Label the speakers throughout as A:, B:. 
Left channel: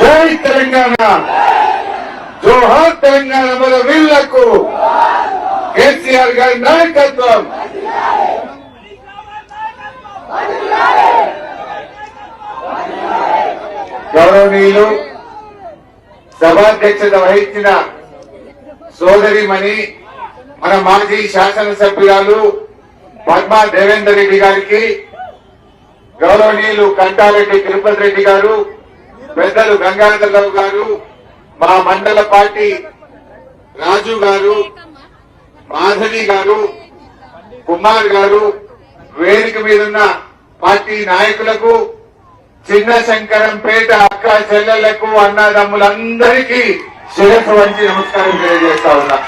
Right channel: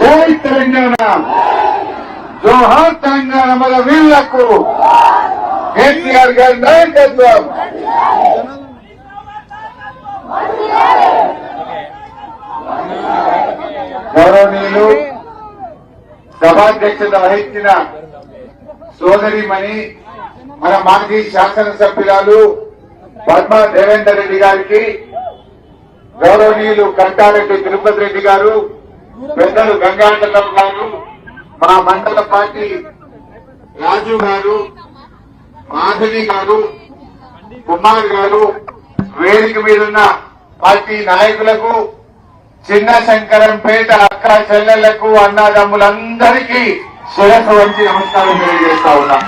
A: జై తెలంగాణ. జోహార్ తెలంగాణ మన వీళ్ళకు కేసీఆర్ గారి నాయకత్వం. గౌరవనీయులు సభాధ్యక్షత వహించిన సోదరిమణి మన మాజీ శాసనసభ్యురాలు పద్మా దేవేందర్ రెడ్డి గారికి గౌరవనీయులు కంటారెడ్డి తిరుపతి రెడ్డి గారు పెద్దలు గంగాధరరావు గారు మా మండల పార్టీ రాజు గారు మాధవి గారు కుమార్ గారు వేదిక మీదున్న పార్టీ నాయకులకు చిన్న శంకరంపేట అక్క చెల్లెళ్ళకు అన్నదమ్ములందరికీ శిరస్సు వంచి నమస్కారం తెలియజేస్తా ఉన్నా.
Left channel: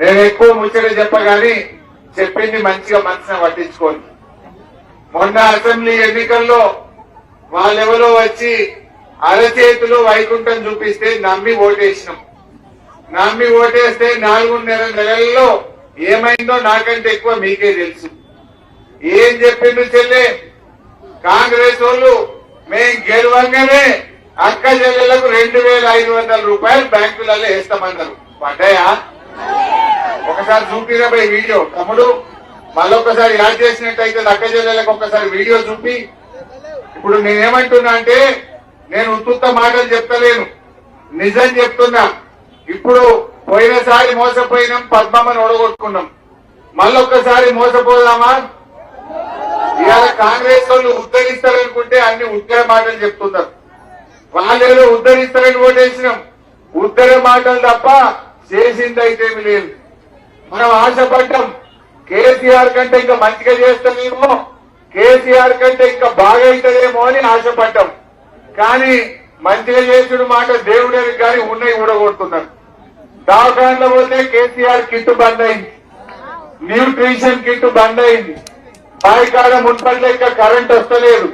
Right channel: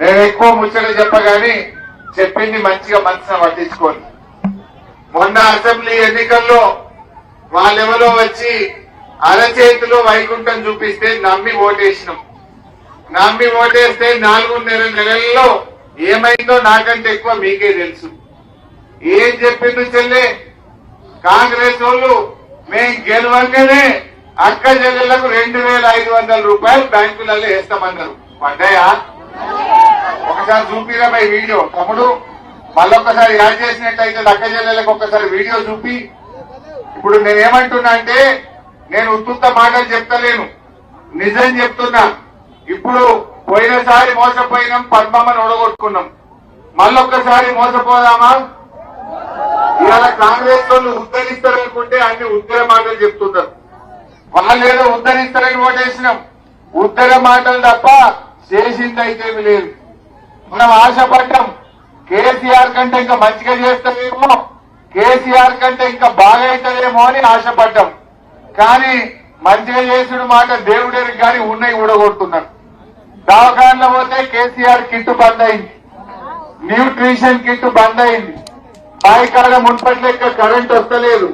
A: నేను ఎక్కువ ముచ్చట చెప్పగాని చెప్పింది మంచిగా మనసున పట్టించుకోండి మొన్న అసెంబ్లీ ఎన్నికల్లో వాళ్ళెవరో వచ్చి అరచేతిలో వైకుంఠం చూపిస్తే నమ్మి ఓటేసినాం. నమ్మి ఓటేస్తే నాలుగున్నర నెలల్లో ఏమైందో నాకంటే ఎక్కువ మీకే తెలుసు. ఏం చెప్పిండు చెల్లె? కాంగ్రెస్ వాళ్ళు మేం గెలవంగానే అక్క చెల్లెలకు రెండు వేల ఐదు వందల రూపాయలు బ్యాంకులలో వేస్తామన్నారు. పడ్డాయా? ఒకసారి చూపిరా వీడియో. తమ్ముడు మళ్ళొకసారి యాడ్ చేసినట్టయితే అక్క చెల్లెలకు ఒకసారి వీడియో చూపి ఇప్పుడు నేనేమంటున్నా అంటే నేను ఉత్తుత మాటలు చెప్తలేను. నిజం చెప్తున్నా. ఇప్పుడు పోయినసారి మోసపోయినాం పద్మమ్మను ఓడగొట్టుకున్నాం. మళ్ళొక్కసారి మోసపోదామా? ఇవాళ కాంగ్రెస్ వాళ్ళు ఉద్ధరిస్తారనుకుంటే అన్ని ఉత్తర మాటలు చెప్తున్నారు వాళ్ళేదో ఉద్ధరిస్తారని ఓటేసినాం. ఉత్తర మాటలు తప్ప చేసింది అయితే లేదు. మనం ఆశపడ్డాం. కేసీఆర్ కంటే ఇంకా మంచిగా చేస్తామేమో కేసీఆర్ కంటే ఇంకా బాగా అవుతుందేమో అని ఆశపడ్డాం. కానీ మంచిగా చేసుడు మాట దేవుడే కానీ ఉన్నాయి ఊడగొడుతున్నాడు దవాఖానలో పోతే కేసీఆర్ కిట్టు బంద్ అయింది. న్యూట్రిషన్ కిట్ బంద్ అయింది. బాయికాడ మున్పటి లెక్క కరెంట్ వస్తలేదు.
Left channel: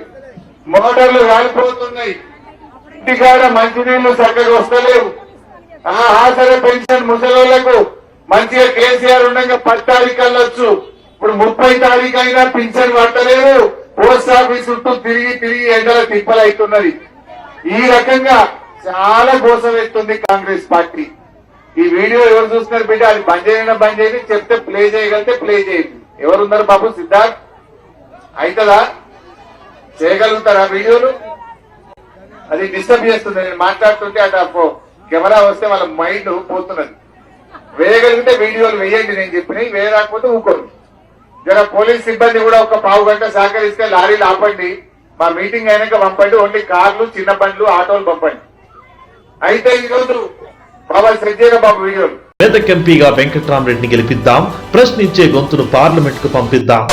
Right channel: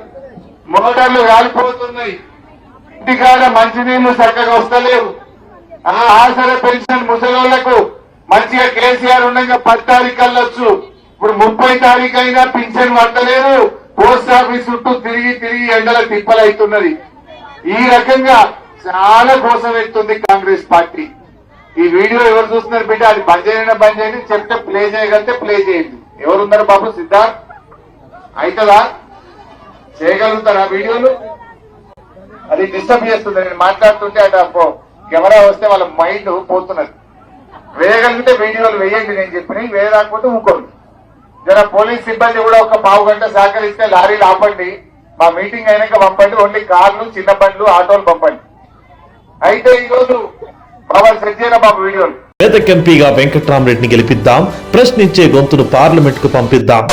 A: మోటార్లు రాలిపోతున్నాయి. ఇంటికాడ మంచినీళ్ళు చక్కగా వస్తలేవు. ఆ ఆసరా పెన్షన్ ముసలోళ్ళకు మంచిగా కేసీఆర్ ఉండగా పది తారీఖు ఇప్పుడు ముప్పై తారీఖు అయినా పింఛన్ పట్టలేదు పోస్ట్ ఆఫీస్ చుట్టూ తిరిగి తిరిగి ఎండల తిప్పలవుతున్నది ఈ రకంగా చాలా గోసం కాంగ్రెస్ పార్టీ. ఈ వీడియో ఎవరు చూస్తున్నారు బిడ్డ? అది బంద్ చేయడం బంద్ చేయండి. చెప్తే ప్లే చేయగలిగితే ప్లే చేయండి. ఎవరున్నారు బాబు? సిద్ధార్థ్? అవుతుందా చేయగలుగుతారా వీడియోలు? అది డిస్టర్బ్ చేస్తుంది నేను మాట్లాడుతుంటే అటు కెమెరా వస్తే వాళ్ళ మైండ్ పోతున్నది. వేయగలిగితే వీడియోలు వేయండి నేను చెప్పినవి వేయరాకపోతే ఊరుకోండి జర పోలీస్ సిబ్బంది కూడా ఒక పావు గంట సహకరిస్తే లారీలు ఆపండి. మా మీటింగ్ అయినాక పంపండి. ఓన్లీ కార్లు చిన్న బండ్లు ఆటోలు పంపండి. అయితే ఈరోజు బాబా సజ్జీర బాబు వీడియోలు.
B: ఎంపీగా వెంకట్రామరెడ్డిని గెలిపిద్దాం. ప్రశ్నించే గొంతును పార్లమెంట్కు పంపిద్దాం.